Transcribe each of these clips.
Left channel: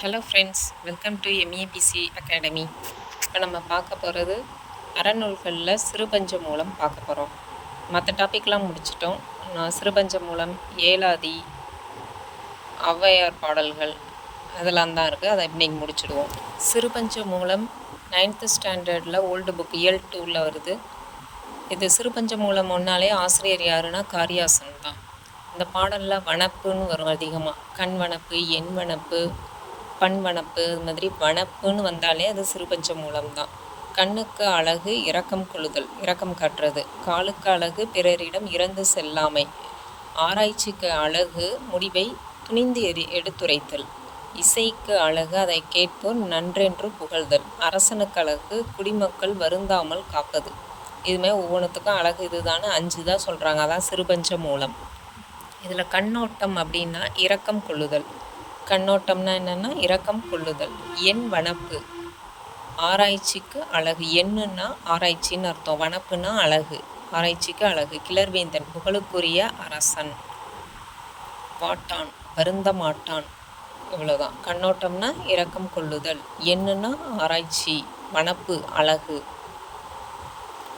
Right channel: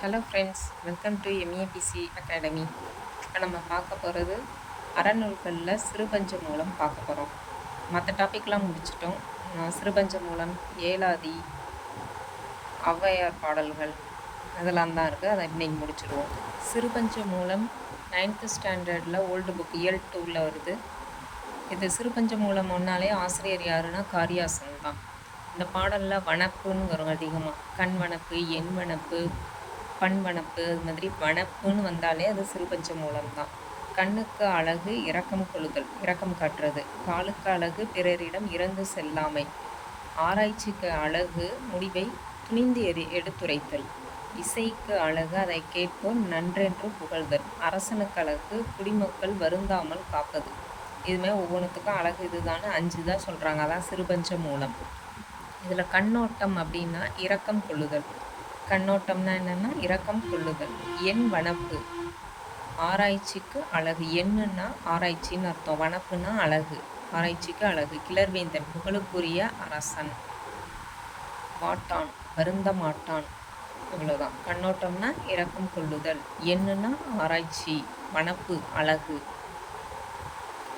Hello friends welcome to MABC academy இப்போ நம்ம பார்க்க போகிறது அறநூல்களில் சிறுபஞ்ச மூலம் பார்க்க போகிறோம் மற்ற டாபிக்லாம் முடிச்சிட்டோம். நான் சிறுபஞ்ச மூலம் ஏலாதி ஔவையார் பாடல்கள் அதெல்லாம் தான் இருக்குது அதை இன்றைக்கி முடிச்சிடுவோம். சிறுபஞ்ச மூலம் நைன்த்து ஸ்டாண்டர்டில் ஓல்டு புக் இயல் டூவில் வருது. இது சிறுபஞ்ச மூலம் ஒன்றாலே ஆசிரியர் யாருன்னா காரியாசன் தான். இந்த பாடலில் வனப்புன்னு வரும் அதிகமாக கண் வனப்பு எண் வனப்பு பண் வனப்பு அது மாதிரி வனப்புன்னு வந்தாலே அது சிறுபஞ்ச மூலம்தான். கண்ணுக்கு அழகு இரக்கம் கொள்ளுதல் இரக்கம் காட்டுறது. காலுக்கு அழகு பிறரிடம் இறந்து செல்லாமை. ஆராய்ச்சிக்கு அழகு முடிவை துணிந்து எரி எடுத்துரைத்தல். இசைக்கு அழகு அதை கேட்போர் நன்றென்று புகழ்தல். அரசனுக்கு அழகு குடிமக்கள் வருந்தாமல் காப்பது. இதுமாதிரி ஒவ்வொன்றுத்துக்கும் அழகு இதுதானே அஞ்சு தான் சொல்கிறாங்க அதான் சிறுபஞ்ச மூலம். இதில் கண்ணோட்டம் அப்படின்னா இரக்கம் கொள்ளுதல். கண்ணோட்டம்னா என்னென்னா இரக்கம் கொள்ளுதல் எண் வனப்பு. ஆராய்ச்சிக்கு அழகு. எண்ணுன்னா ஆராய்ச்சின்னு அர்த்தம். வனப்புனா அழகு. ஆராய்ச்சிக்கு அழகு. கிளர்வேந்தன் புகழுக்குரிய அரசன். வாட்டான் வருந்த மாட்டான் இவ்வளோதான் கண்ணோட்டம்னா இரக்கம் கொள்ளுதல். எண்ணுனா ஆராய்ச்சி. வனப்பு அழகு.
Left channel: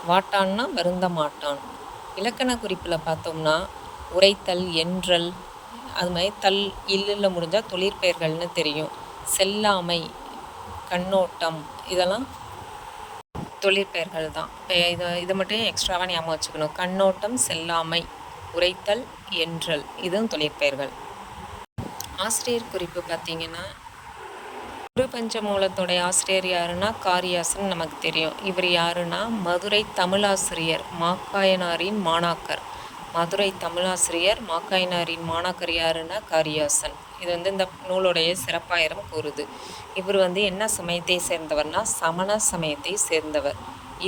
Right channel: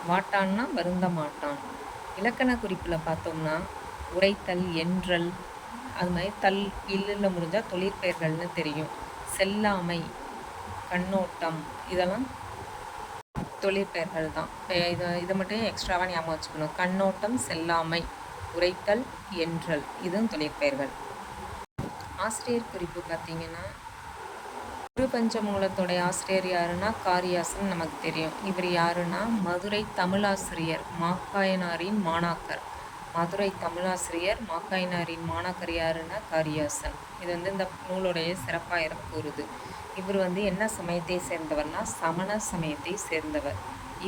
வாட்டான்னா வருந்த மாட்டான் இலக்கண குறிப்பில் பார்த்தோம்னா உரைத்தல் என்றல் அது மாதிரி தல் இல்லில் முடிஞ்சால் தொழிற்பெயர்கள்னு தெரியும். செல்லாமை கண்ணோட்டம் இதெல்லாம் தொழிற்பெயர்கள் தான். இதை இது மட்டும் எக்ஸ்ட்ராவாக ஞாபகம் வச்சுக்கணும். கண்ணோட்டம் செல்லாமை உரைத்தல் என்றல் இதுவும் தொழிற்பெயர்கள் ஆசிரியர் குறிப்பு பார்த்தீங்கன்னா குரு மூலத்துடைய ஆசிரியர் யாருன்னா காரியாசன் நமக்கு தெரியும். இவர் யாருன்னா மதுரை தமிழாசிரியர் மாக்காயனாரின் மாணாக்கர். மதுரை தமிழாசிரியர் மாக்காயினாரின் மாணாக்கர் யாருன்னா காரியாசன். இது வந்து இந்த நூலுடைய சிறப்பாயிரம் கூறுது. இவர் வந்து என்ன சமயத்தை சேர்ந்தவர்னா சமண சமயத்தை சேர்ந்தவர்.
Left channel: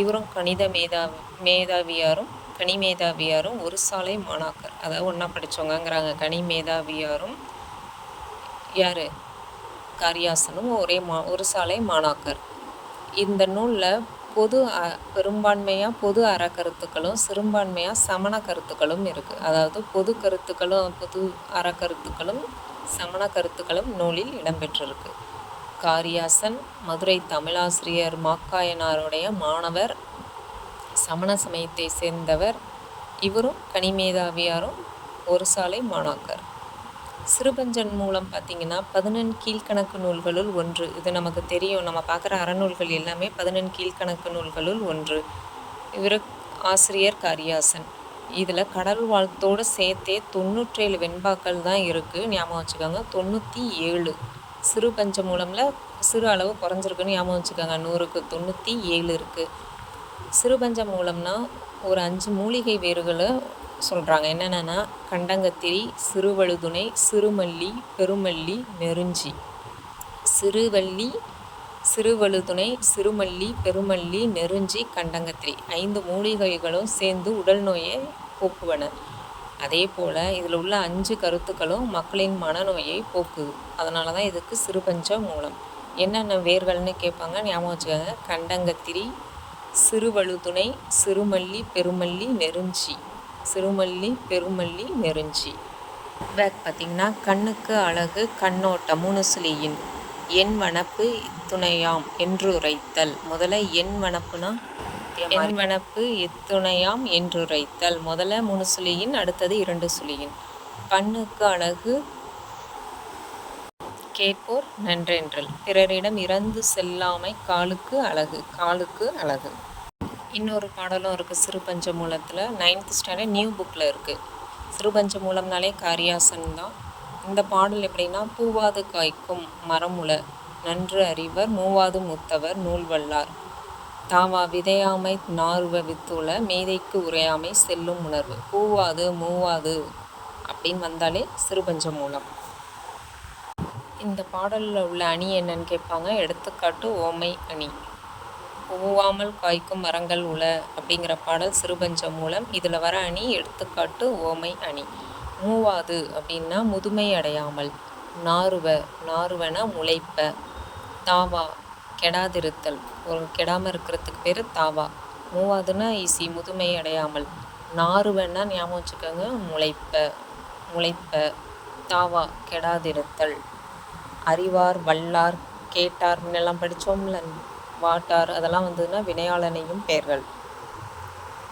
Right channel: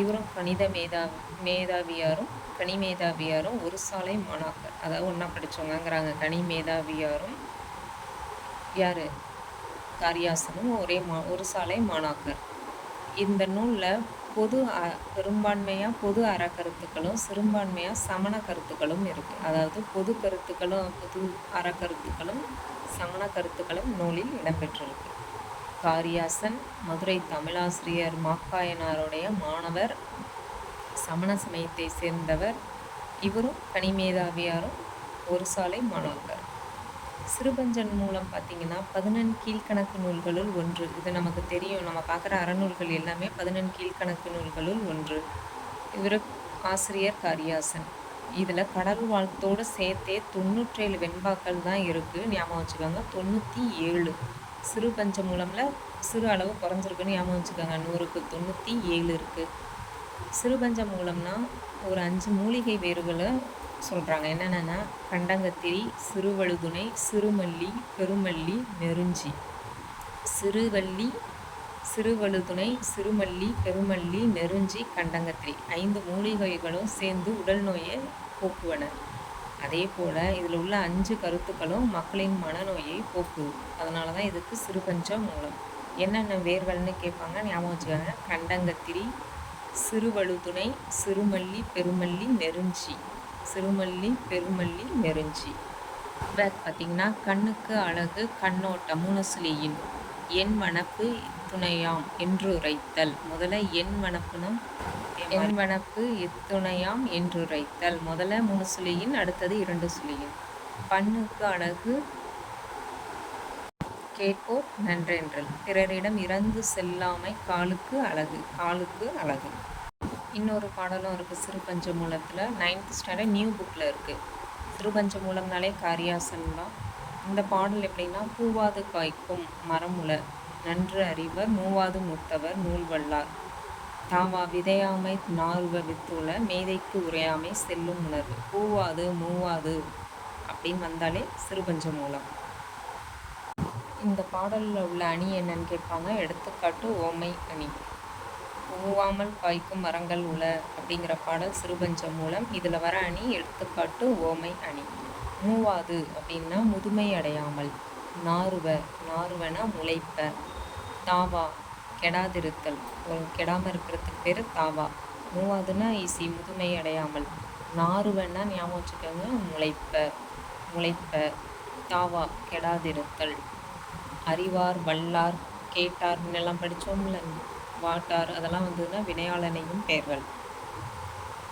இவரும் கணித மேதா மேதாவியாரும் கனி மேதாவியாரும் ஒரு சாலை மாணாக்கர். அதாவது ஒன்றா படித்தவங்கங்கிறாங்க கனி மேதாவியாரும் யார்? காரியாசனும் ஒரே மா ஒரு சாலை மாணாக்கர். இந்த நூலில் பொது பெரும்பான்மையாக பொது அற கருத்துக்களும் சிறுபான்மையாக சமண கருத்துக்களும் இருக்குது அதாவது பொது கருத்துக்களும் பொது அற கருத்துக்களும் சமண கருத்துக்களும் நூலில் இடம்பெற்றிருக்கு. காரியாசன் மதுரை தமிழாசிரியர் மாக்காயனாருடைய மாணவர் சமண சமயத்தை சேர்ந்தவர் இவரும் கனிமேதாவியாரும் ஒரு சாலை மாணாக்கர். சிறுபஞ்சன் மூலம் பார்த்திங்கன்னா பதினெண் கீழ்கணக்கு நூல்களுள் ஒன்று. இது நமக்கு தெரியும். நம்ம பார்க்குற அறநூல்கள் எல்லாமே பதினெண் கீழ்கணக்கு நூல்களுள் ஒன்று. இவர் ஆசிரியர் காரியாசன். இதில் கடல் வாழ்த்தோடு சேர்த்தே தொண்ணூற்றேழு வெண்பாக்கள் தான் இருக்குது ஞாபகம் வச்சுக்கோங்க. தொண்ணூற்றி ஏழு சிறு பஞ்ச மூலமில் சிறு அளவு குறைஞ்சிருக்குன்னு ஞாபகம் வச்சுக்கோங்க. நூறுக்கு தொண்ணூற்றி ஏழு இருக்குது சிறுபஞ்சம் மூலம்னா ஒரு அஞ்சு மூலிகை வேர்களை சொல்கிறாங்க என்னென்னா கண்டங்கத்திரி சிறுவழுதுணை சிறுமல்லி பெருமல்லி நெருஞ்சி. சிறுவள்ளி சிறுவழுதுணை சிறுமல்லி பெருமல்லி நெருஞ்சி கண்டங்கத்திரி. ஐந்து மூலிகைகளும் சேர்ந்து உடல் நோயை போக்குவன. அதே போல் இதில் உள்ள அஞ்சு கருத்துக்களும் மக்களின் மனநோயை போக்குது. அதனால தான் இதுக்கு சிறுபஞ்ச மூலம். என்னென்ன வேர்கள்னு கேட்பாங்க ஞாபகம் வச்சுக்கோங்க. கண்டங்கத்திரி சிறுவழுதுணை சிறுமல்லி பெருமல்லி நெருஞ்சி. சிறுமல்லி பெருமல்லி நெருஞ்சி. பேக் பார்த்திங்கன்னா கண்ணுக்கு அழகு கண்ணோட்டம் முனுசுலியின். என் வனப்பு துணையாம் என்று உரைத்தல் முதல்ல என் வனப்புனா? என் வனப்பு. இத்துணையாம் என்றுரைத்தல். முதல்ல மூணு சுழியின் அடுத்தது இரண்டு சுழியின் பண்ணுக்கு அழகு. கேட்போர் நன்றென்றல். பிறரிடம் இறந்து செல்லாமை காலுக்கு அழகு. காலுக்கு அழகு. இன்னொரு பாடலும் இருக்குது சிறுபஞ்ச மூலத்தில் நைன்த் ஸ்டாண்டர்ட் நியூ புக்கில் இருக்குது சிறுபஞ்ச மூலம்னாலே காரியாசன் தான். இந்த பாடல் எப்படின்னா பூவாது காய்க்கும் மரமுல நன்று அறிவர் மூவாது முத்தவர் நூல் வல்லார். தாவா விதையாமை நார்வ வித்துள மேதைக்கு உரையாமை செல்லும் உணர்வு. பூவாது மூவாது அப்படின்னு வந்தாலே சிறுபஞ்ச மூலம் இந்த பாடலில் உள்ள அணி என்னன்னு கேட்பாங்க. எடுத்துக்காட்டு ஓமை அணி. பூவாமல் காய்க்கும் மரங்கள் உல அப்படிங்கிற பாடல் சிறுபஞ்சம் மூலம் இதில் வர அணி எடுத்துக்காட்டு ஓமை அணி. மூவாது அப்படின்னா முதுமை அடையாமல். நாறுவ நாறுவன முளைப்ப. தாவா கெடாதிருத்தல். ஒரு கெடாமல் இருக்கிறதுக்கு பேர் தாவா. மூவாதுன்னா ஈஸி முதுமை அடையாமல். நாறுவன்னா ஞாபகம் வச்சுக்கோங்க முளைப்ப முளைப்ப. தாவா கெடாதிருத்தல். அறிவார் வல்லார் கேட்டார் முன்னெல்லாம் படித்தோம்ல வாட்டார். அதெல்லாம் வந்ததுன்னா வினையாளனையும் பெயர்கள்.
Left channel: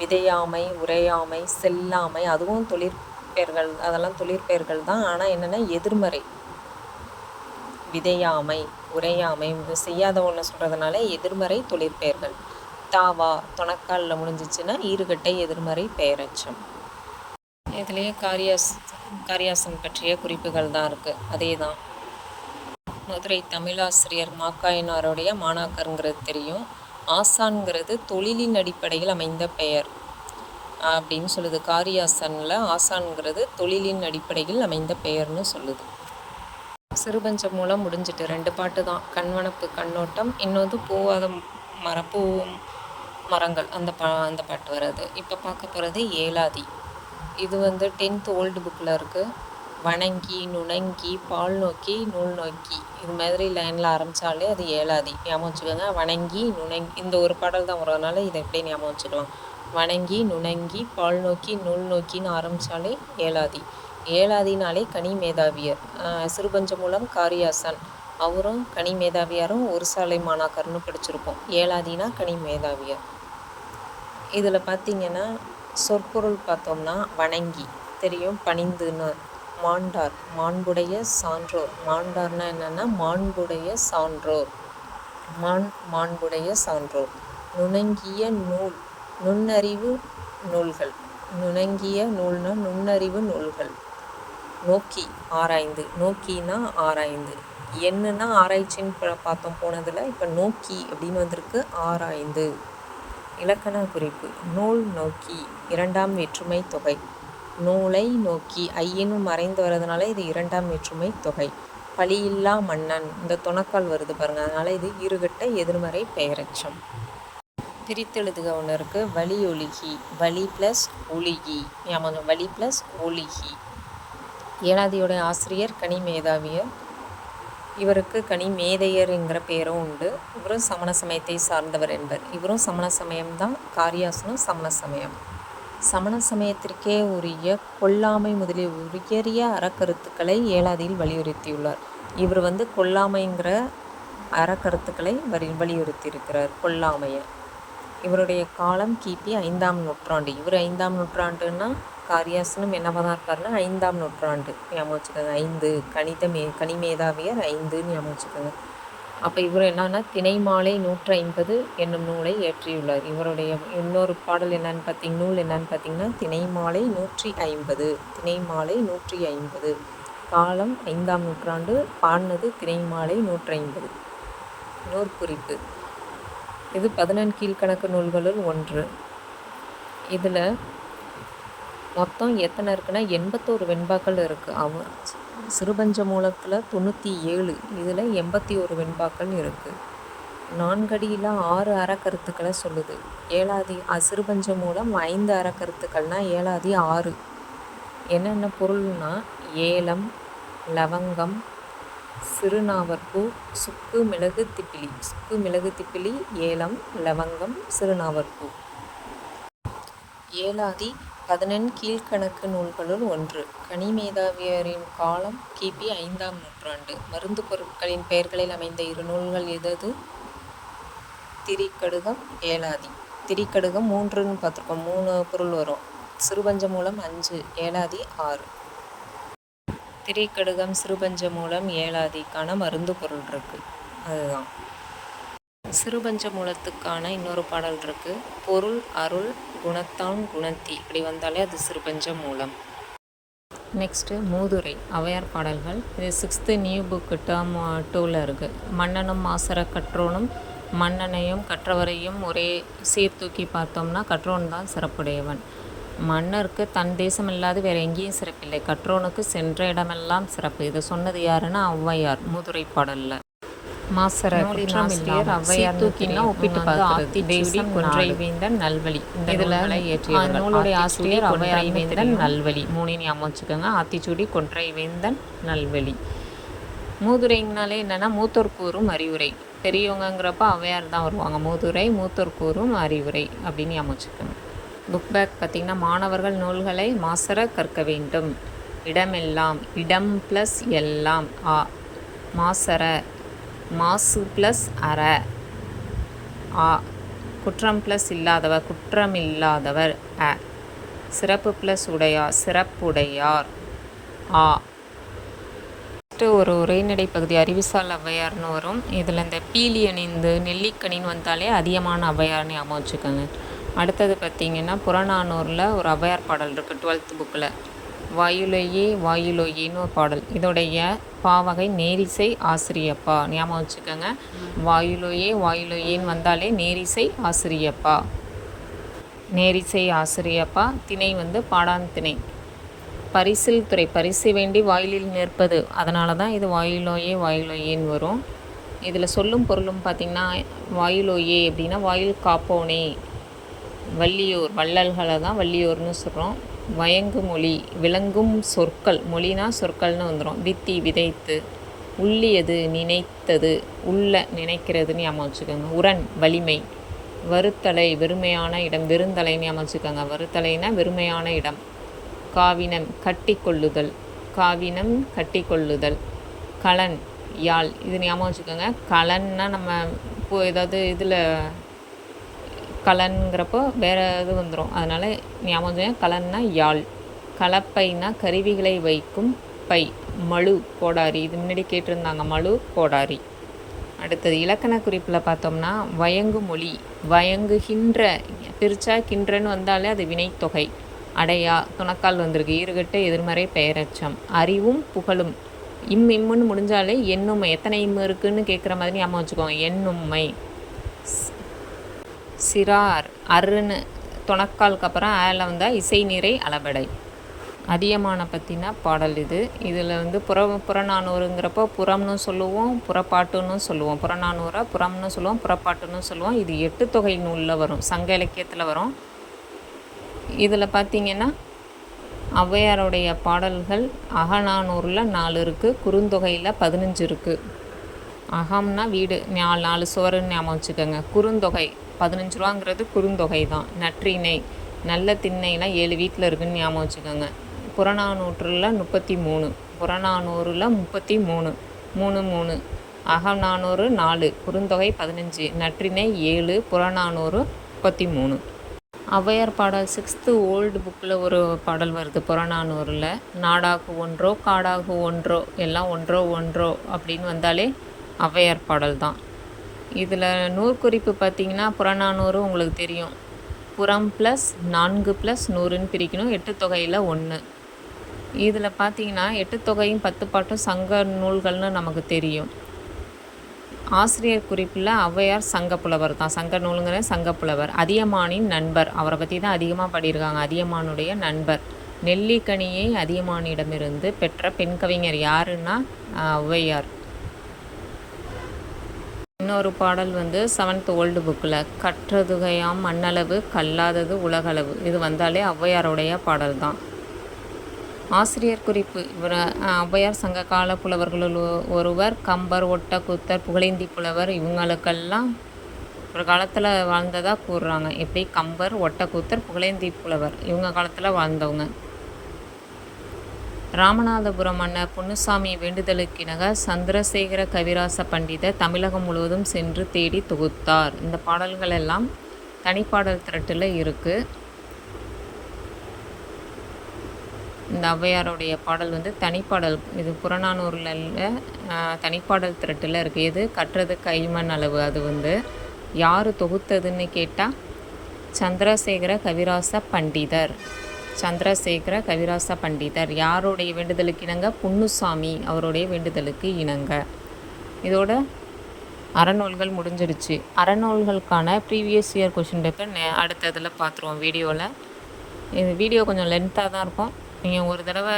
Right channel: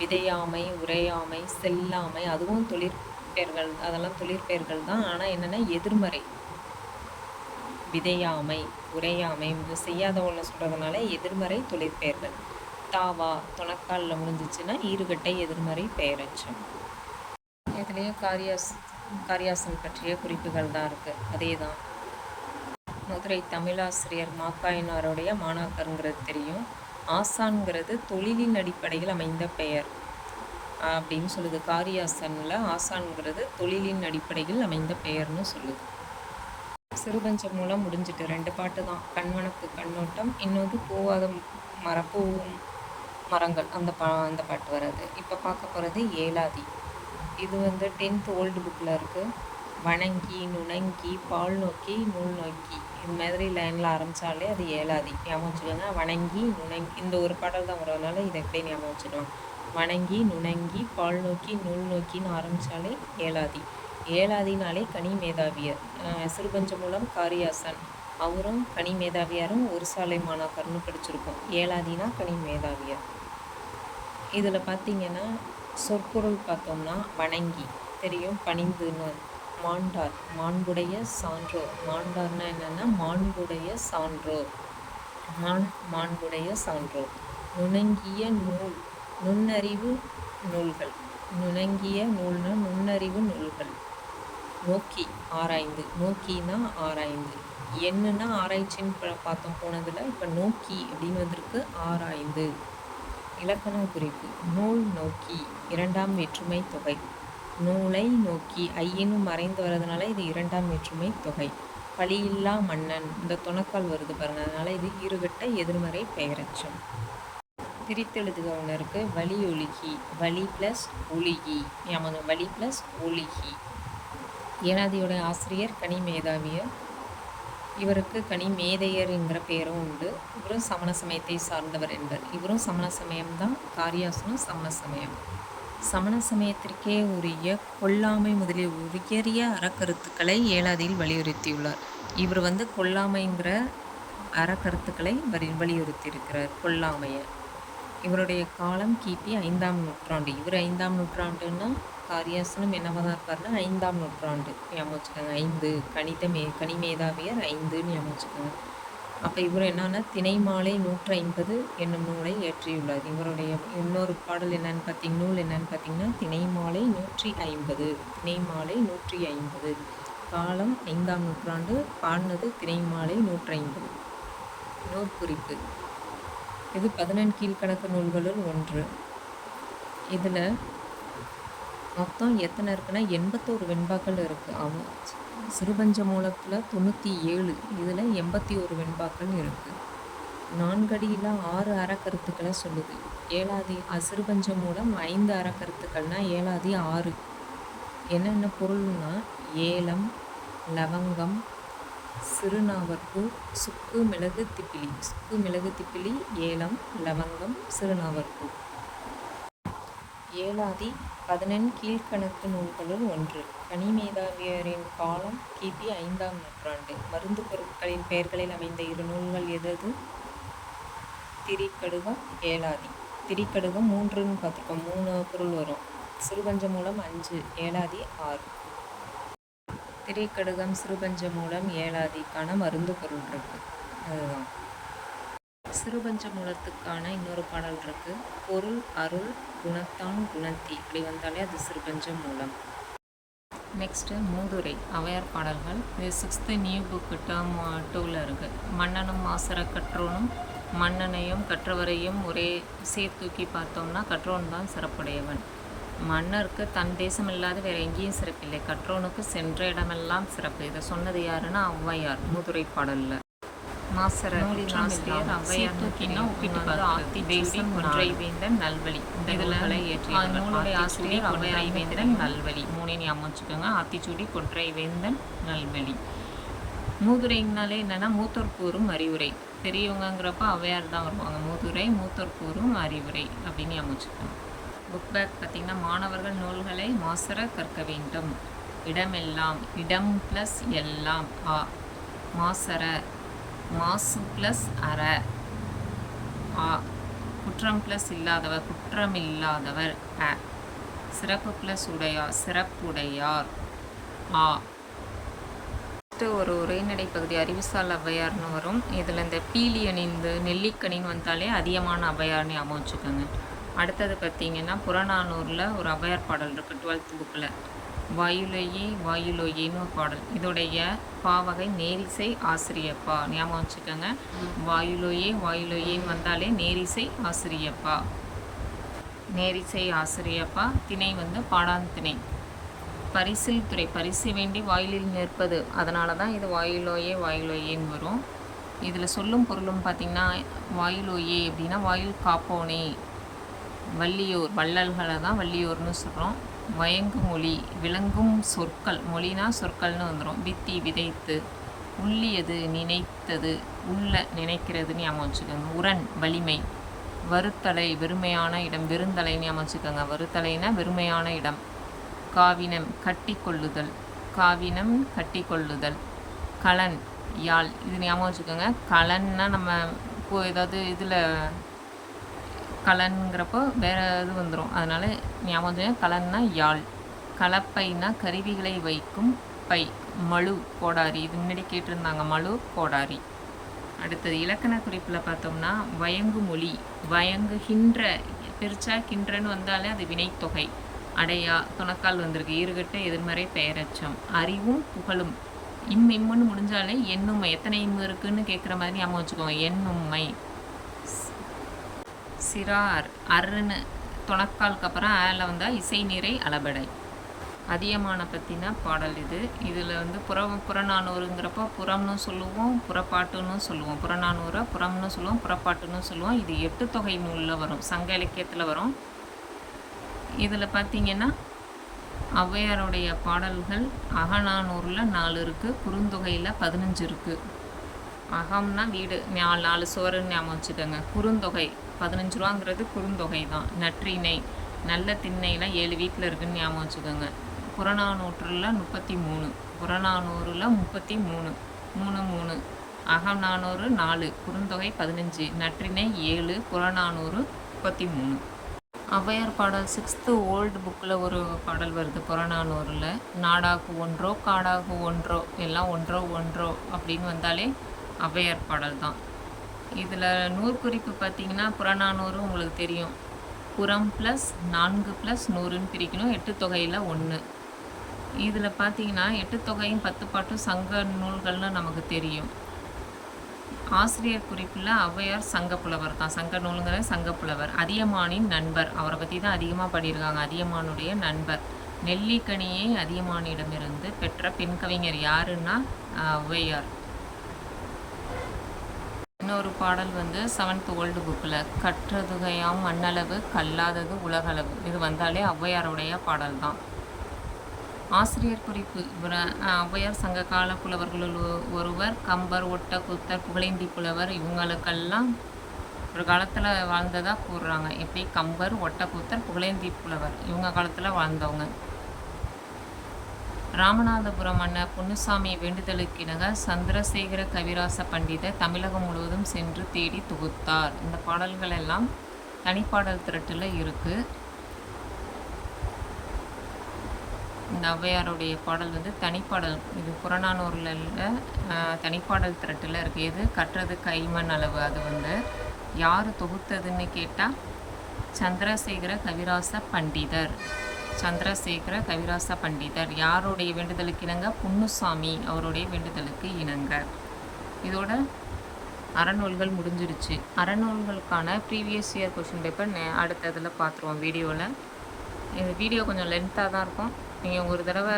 விதையாமை உரையாமை செல்லாமை அதுவும் தொழிற்பெயர்கள் அதெல்லாம் தொழிற்பெயர்கள் தான். ஆனால் என்னென்னா எதிர்மறை. விதையாமை உரையாமை செய்யாத ஒன்று சொல்கிறதுனால எதிர்மறை தொழிற்பெயர்கள் தாவா தொணக்காலில் முடிஞ்சிச்சுன்னா ஈறுகட்டை எதிர்மறை பெயரச்சம். இதுலேயே காரியாஸ் காரியாசன் பற்றிய குறிப்புகள் தான் இருக்குது அதே தான் மதுரை தமிழாசிரியர் மாக்காயினாருடைய மாணாக்கருங்கிறது தெரியும். ஆசான்கிறது தொழிலின் அடிப்படையில் அமைந்த பெயர். அப்படின்னு சொல்லுது. காரியாசனில் ஆசான்கிறது தொழிலின் அடிப்படையில் அமைந்த பெயர்னு சொல்லுது. சிறுபஞ்சம் மூலம் முடிஞ்சிட்டு ரெண்டு பாட்டு தான். கண்வனப்பு கண்ணோட்டம் இன்னொன்று பூவாத மர பூ மரங்கள் அந்த பா அந்த பாட்டு வர்றது. இப்போ பார்க்க போகிறது ஏலாதி. இது வந்து டென்த் ஓல்டு புக்கில் இருக்குது வணங்கி நுணங்கி பால் நோக்கி நூல் நோக்கி. இது மாதிரி லைனில் ஆரம்பித்தாலே அது ஏழாதி. ஞாபகம் வச்சுக்கோங்க. வணங்கி நுணங்கி இந்த ஒரு பாடல் தான் வரதுனால இதை எப்படியே ஞாபகம் வச்சுக்கலாம். வணங்கி நுணங்கி பால் நோக்கி நூல் நோக்கின்னு ஆரம்பித்தாலே ஏழாதி. ஏழாதினாலே கனி மேதாவியர். சிறுபஞ்ச மூலம் காரியாசன். அவரும் கனி மேதாவியாரும் ஒரு சாலை மாணாக்கர்னு படிச்சிருப்போம். ஏழாதினா கனி மேதாவியார். இதில் பார்த்தீங்கன்னா சொற்பொருள் பார்த்தோம்னா வணங்கி. தெரியும்? பணிந்துன்னு. மாண்டார். மாண்புடைய சான்றோர். மாண்டார்னா என்னென்னா மாண்புடைய சான்றோர். மான் மாண்புடைய சான்றோர். நுணங்கிய நூல் நுண்ணறிவு நூல்கள். நுணங்கிய நூல்னா நுண்ணறிவு நூல்கள். நோக்கி ஆராய்ந்து. நோக்கினா ஆராய்ந்து. என்னன்னா ஆராய்ச்சின்னு பார்த்தோம் போனதில் இப்போ நோக்கி அப்படின்னு வந்திருக்கு ஆராய்ந்து. இலக்கண குறிப்பு. நூல் நோக்கி. இரண்டாம் வேற்றுமை தொகை. நூலை நோக்கி ஐயனும் மறைந்து வர்றதுனால இது இரண்டாம் வேற்றுமை தொகை. பழியில்லா மன்னன். இந்த துணக்கால் வருது பாருங்கள் அதனால் இது இருகட்ட எதிர்மறை பெயரச்சம். பிரித்தெழுதுக ஒன்று இருக்குது வலி ஒழுகி. வலி ப்ளஸ் ஒழுகி. ஆமாங்க வலி ப்ளஸ் ஒழுகி. ஏனாதியோட ஆசிரியர் கனி மேதாவியர். இவருக்கு கனி மேதையர்ங்கிற பேரும் உண்டு. இவரும் சமண சமயத்தை சார்ந்தவர் என்பர். இவரும் சமண சமயம்தான் காரியாசனம் சமண சமயம். சமண சமயத்திற்கே உரிய கொல்லாமை முதலிய உயரிய அறக்கருத்துக்களை ஏழாதியில் வலியுறுத்தியுள்ளார். இவர் வந்து கொல்லாமைங்கிற அறக்கருத்துக்களை வரி வலியுறுத்தியிருக்கிறார் கொல்லாமையை. இவருடைய காலம் கிபி ஐந்தாம் நூற்றாண்டு. இவர் ஐந்தாம் நூற்றாண்டுன்னா காரியாசனம் என்னவாக இருக்காருன்னா ஐந்தாம் நூற்றாண்டு. ஞாபகம் வச்சுக்கோங்க ஐந்து கணித மே கனிமேதாவியர் ஐந்துன்னு ஞாபகம் வச்சுக்கோங்க. அப்போ இவர் என்னன்னா திணை மாலை நூற்றி ஐம்பது என்னும் நூலை ஏற்றியுள்ளார். இவருடைய இன்னொரு பாடல் என்னன்னு பார்த்திங்க நூல் என்னன்னு பார்த்தீங்கன்னா திணை மாலை நூற்றி ஐம்பது திணை மாலை நூற்றி ஐம்பது காலம் ஐந்தாம் நூற்றாண்டு பாடினது திணை மாலை நூற்றி ஐம்பது நூற்குறிப்பு இது பதினெண் கீழ்கணக்கு நூல்களுள் ஒன்று. இதில் மொத்தம் எத்தனை இருக்குன்னா எண்பத்தோரு வெண்பாக்கள் இருக்குது அவ சிறுபஞ்ச மூலத்தில் தொண்ணூற்றி ஏழு இதில் எண்பத்தி ஒரு வெண்பாக்கள் இருக்குது நான்கடியில் ஆறு அறக்கருத்துக்களை சொல்லுது. ஏழாதி சிறுபஞ்ச மூலம் ஐந்து அறக்கருத்துக்கள்னால் ஏழாதி ஆறு. என்னென்ன பொருள்னா ஏலம் லவங்கம் சிறுநாவற்பூ சுக்கு மிளகு திப்பிலி. சுக்கு மிளகு திப்பிலி ஏலம் லவங்கம் சிறுநாவற்பூ. ஏலாதி பதினெண் கீழ்கணக்கு நூல்களுள் ஒன்று. கனிமேதாவியரின் காலம் கிபி ஐந்தாம் நூற்றாண்டு. மருந்து பொருட்களின் பெயர்களில் அமைந்த இரு நூல்கள் எதது? திரிக்கடுகம் ஏலாதி திரிக்கடுகம் மூன்றுன்னு பார்த்துருக்கோம் மூணு பொருள் வரும். சிறுபஞ்ச மூலம் அஞ்சு ஏலாதி ஆறு. திரிக்கடுகம் சிறுபஞ்ச மூலம் ஏலாதிக்கான மருந்து பொருள் இருக்குது அதுதான். சிறுபஞ்ச மூலத்துக்கான இன்னொரு பாடல் இருக்குது பொருள் அருள் குணத்தான் குணத்தி. இப்படி வந்தாலே அது சிறுபஞ்ச மூலம். நெக்ஸ்ட்டு மூதுரை. அவையார் பாடல்கள். இது சிக்ஸ்த்து நியூ புக்கு டேர்ம் டூவில் இருக்குது மன்னனும் மாசர கற்றோனும் மன்னனையும் கற்றவரையும் ஒரே சீர்தூக்கி பார்த்தோம்னா கற்றோன் தான் சிறப்புடையவன். மன்னருக்கு தன் தேசம் இல்லாது வேறு எங்கேயும் சிறப்பில்லை. கற்றோனுக்கு சென்ற இடமெல்லாம் சிறப்பு. இதை சொன்னது யாருன்னா ஔவையார் மூதுரை பாடலில். மாசர குற்றமில்லார் ஔவையார் தூக்கினா ஒப்பிட்டு பார்த்து தேசம் வேந்தன் நல்வழி. இதில் நூலுடைய ஆசிரியர் ஔவையார் வேந்தன் நல்வழி. மூணு ஞாபகம் வச்சுக்கோங்க. ஆத்திச்சூடி கொன்றை வேந்தன் நல்வழி. மூதுரைங்கனாலே என்னென்னா மூத்தோர் கூறும் அறிவுரை. பெரியவங்கங்கிறப்ப ஔவையார் தான் வருவாங்க. மூதுரை மூத்தோர் கூறும் அறிவுரை அப்படின்னு வச்சுக்கோங்க. புக் பேக் பார்த்திங்கன்னா மாணவர்கள் நூல்களை மாசர கற்க வேண்டும். இடமெல்லாம் இடம் ப்ளஸ் எல்லாம் ஆ மாசற மாசு ப்ளஸ் அற. ஆ குற்றம் ப்ளஸ் இல்லாதவர் குற்றமில்லாதவர் அ. சிறப்பு ப்ளஸ் உடையார் சிறப்புடையார். ஆ. ஃபஸ்ட்டு ஒரு உரைநடை பகுதி அறிவுசால் ஔவையார்னு வரும். இதில் இந்த பீலி அணிந்து நெல்லிக்கனின்னு வந்தாலே அதிகமான ஔவையார்னு ஞாபகம் வச்சுக்கோங்க. அடுத்தது பார்த்திங்கன்னா புறநானூரில் ஒரு ஔவையார் பாடல் இருக்குது டுவெல்த் புக்கில் வாயுலையே வாயுலோயேன்னு ஒரு பாடல். இதோடைய பாவகை நேரிசை ஆசிரியப்பா. ஞாபகம் வச்சுக்கோங்க. வாயுலோயே வாயுலோயேன்னு வந்தாலே நேரிசை ஆசிரியப்பா. நேரிசை ஆசிரியப்பா திணை வந்து பாடான் திணை பரிசில் துறை. பரிசு வேண்டி வாயிலில் நிற்பது. அதனால தான் இது வாயிலோயே வாயிலோயேன்னு வரும். இதில் சொல்லும் பொருளும் பார்த்திங்கன்னா வாயிலோயே அப்படின்னா வாயில் காப்போனே. வள்ளியூர். வள்ளல்களை தான் வள்ளியூர்னு சொல்கிறோம். வயங்கு மொழி விளங்கும் சொற்கள் மொழினா சொற்கள்னு வந்துடும் வித்தி விதைத்து உள்ளியது நினைத்தது உள்ள நினைக்கிறதுன்னு ஞாபகம் வச்சுக்கோங்க. உரன் வலிமை வருத்தலை வெறுமையான இடம் வெறுந்தலைன்னு ஞாபகம் வச்சுக்கோங்க. வருத்தலைனா வெறுமையான இடம். காவினம் கட்டி கொள்ளுதல் காவினம் கட்டி கொள்ளுதல் கலன் யாழ் இது ஞாபகம் வச்சுக்கோங்க. கலன்னா நம்ம இப்போ ஏதாவது இதில் கலன்கிறப்போ வேறு இது வந்துடும் அதனால் ஞாபகம் கலன்னா யாழ் கலப்பைனா கருவிகளை வைக்கும் பை மழு கோடாரி. இது முன்னாடி கேட்டிருந்தாங்க மழு கோடாரி. அடுத்தது இலக்கண குறிப்பில் பார்த்தோம்னா வயங்கு மொழி வயங்குகின்ற பிரிச்சா கின்றன்னு வந்தாலே அது வினைத்தொகை. அடையா துணக்கால் வந்திருக்கு. ஈறுகட்ட எதிர்மறை பெயரச்சம் அறிவும் புகழும். இம் இம்முன்னு முடிஞ்சாலே எண்ணுமை. எத்தனை இம்மு இருக்குன்னு கேட்குற மாதிரி ஞாபகம் வச்சுக்கோங்க. எண்ணுமை. சிறார் அருன்னு துணக்காலுக்கு அப்புறம் ஆல வந்தால் இசை நிறை அளபடை. அதியமான பற்றின பாடல் இது. இதில் வந்து புற புறநானூறுங்கிறப்போ புறம்னு சொல்லுவோம் புறப்பாட்டுன்னு சொல்லுவோம். புறநானூரை புறம்னு சொல்லுவோம் புறப்பாட்டுன்னு சொல்லுவோம். இது எட்டு தொகை நூலில் வரும். சங்க இலக்கியத்தில் வரும். இதில் பார்த்திங்கன்னா ஔவையாருடைய பாடல்கள் அகநானூரில் நாலு இருக்குது குறுந்தொகையில் பதினஞ்சு இருக்குது அகம்னா வீடு நாலு நாலு சுவருன்னு ஞாபகம் வச்சுக்கோங்க. குறுந்தொகை பதினஞ்சு ரூபாங்கிறது குறுந்தொகை தான். நற்றிணை நல்ல திண்ணைலாம் ஏழு வீட்டில் இருக்குதுன்னு ஞாபகம் வச்சுக்கோங்க. புறநானூற்றில் முப்பத்தி மூணு புறநானூறில் முப்பத்தி மூணு மூணு மூணு அகநானூறு நாலு குறுந்தொகை பதினஞ்சு நற்றிணை ஏழு புறநானூறு முப்பத்தி மூணு ஔவையார் பாடல் சிக்ஸ்த்து ஓல்டு புக்கில் ஒரு பாடல் வருது புறநானூரில் நாடாகு ஒன்றோ காடாகு ஒன்றோ எல்லாம் ஒன்றோ ஒன்றோ அப்படின்னு வந்தாலே ஔவையார் பாடல் தான். இதில் நூற்குறிப்பு பார்த்தீங்கன்னா புறநானூறு உங்களுக்கு தெரியும். புறம் ப்ளஸ் நான்கு ப்ளஸ் நூறுன்னு பிரிக்கணும். எட்டு தொகையில் ஒன்று இதில் பார்த்தீங்கன்னா எட்டு தொகையும் பத்து பாட்டும் சங்க நூல்கள்னு நமக்கு தெரியும். ஆசிரியர் குறிப்பில் ஔவையார் சங்கப்புலவர் தான். சங்க நூலுங்கிற சங்கப்புலவர். அதியமானின் நண்பர். அவரை பற்றி தான் அதிகமாக பாடியிருக்காங்க. அதியமானுடைய நண்பர். நெல்லிக்கனியை அதியமானிடமிருந்து பெற்ற பெண் கவிஞர் யாருன்னா ஔவையார். இன்னொரு பாடல் வந்து செவன்த் ஓல்டு புக்கில் கற்றதுகையாம் மண்ணளவு கல்லாதது உலகளவு இது வந்தாலே ஔவையாருடைய பாடல் தான் ஆசிரியர் குறிப்பு இவர் ஔவையார் சங்க கால புலவர்களுள் ஒருவர் கம்பர் ஒட்ட குத்தர் புகழேந்தி புலவர் இவங்களுக்கெல்லாம் ஒரு காலத்தில் வாழ்ந்ததாக கூறுறாங்க. எப்படி? கம்பர் ஒட்டக்கூத்தர் புகழேந்தி புலவர் இவங்க காலத்தில் வாழ்ந்தவங்க. ராமநாதபுரம் மன்னர் பொன்னுசாமி வேண்டுதலுக்கிணங்க சந்திரசேகர கவிராச பண்டிதர் தமிழகம் முழுவதும் சென்று தேடி தொகுத்தார். இந்த பாடல்கள் எல்லாம் தனிப்பாடல் திரட்டில் இருக்குது இந்த ஔவையாருடைய பாடல் வந்து தனிப்பாடல். இது புறநானூரில் தனிப்பாடல் திரட்டில் இருக்குது எது? கற்றது கைமண் அளவு. அது வந்து யார் தொகுத்ததுன்னு கேட்டால் சந்திரசேகர கவிராச பண்டிதர். சந்திரசேகர கவிராச பண்டிதர். யாருடைய வேண்டுதலுக்கு இணங்க? புன்னுசாமி அவருடைய வேண்டுதலுக்கு இணங்க. இதோட அறநூல்கள் முடிஞ்சிருச்சு. அறநூல்களுக்கான ப்ரீவியஸ் இயர் கொஷின் பேப்பர் அடுத்த இதில் பார்த்துருவோம் வீடியோவில் இது வீடியோ கொஞ்சம் லென்த்தாக தான் இருக்கும். நீங்கள் ஒரு தடவை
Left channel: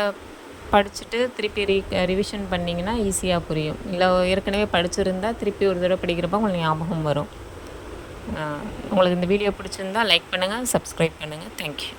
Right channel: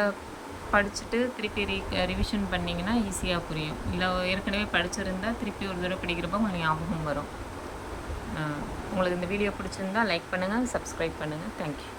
படிச்சுட்டு திருப்பி ரீ ரிவிஷன் பண்ணிங்கன்னா ஈஸியாக புரியும். இல்லை ஏற்கனவே படிச்சிருந்தால் திருப்பி ஒரு தடவை படிக்கிறப்ப உங்களுக்கு ஞாபகம் வரும். உங்களுக்கு இந்த வீடியோ பிடிச்சிருந்தால் லைக் பண்ணுங்கள் சப்ஸ்கிரைப் பண்ணுங்கள் தேங்க்யூ